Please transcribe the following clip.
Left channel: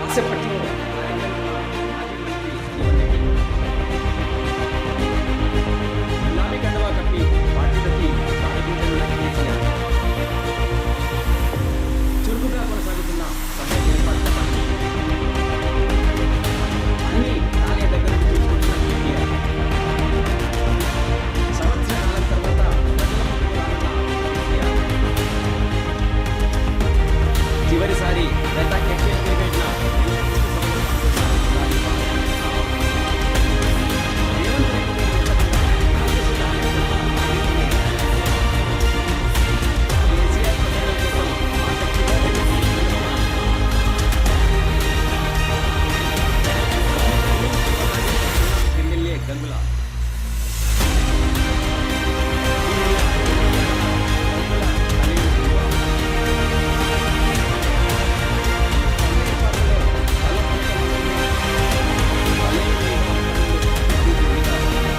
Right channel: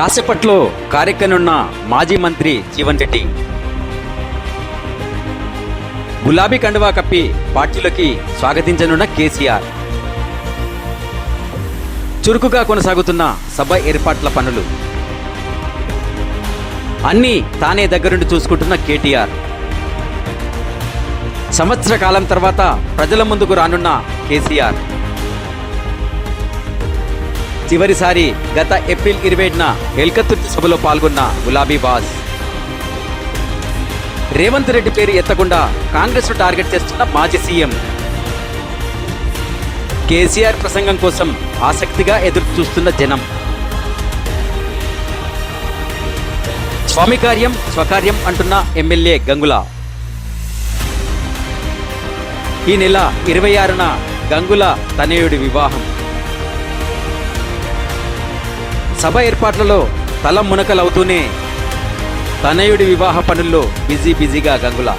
కాసేపట్లో కార్యక్రమనున్న మాజీ మంత్రి జీవన్ రెడ్డి గులాబీ కండువా కప్పి పార్టీలోకి స్వాగతించనున్న కేసీఆర్ చురుకుగా కొనసాగుతున్న సభ ఏర్పాట్ల పనులు అన్నీ తానే దగ్గరుండి చూసుకుంటున్న కేటీఆర్ సంవత్సర కాలం తర్వాత ప్రజల ముందుకు రానున్న కేసీఆర్ చివరిసారి గత ఏప్రిల్ 27న ఎల్కతుర్తి సభలో పాల్గొన్న గులాబీ బాస్ రేవంత్ రెడ్డి పేరు ఎత్తకుండా కాంగ్రెస్ టార్గెట్ చేస్తున్న మాజీ సీఎం కేసీఆర్ ప్రసంగం కోసం ఆసక్తిగా ఎదురు చూస్తున్న జనం స్వామి కార్యం స్వకార్యం అంటున్న ఎమ్మెల్యే గంగుల ఈ నెల 26న గంగుల తనయుడి వివాహం సభ ఏర్పాట్లలో తల మునకలవుతూనే తనయుడి వివాహ పనుల్లో బిజీగా గంగుల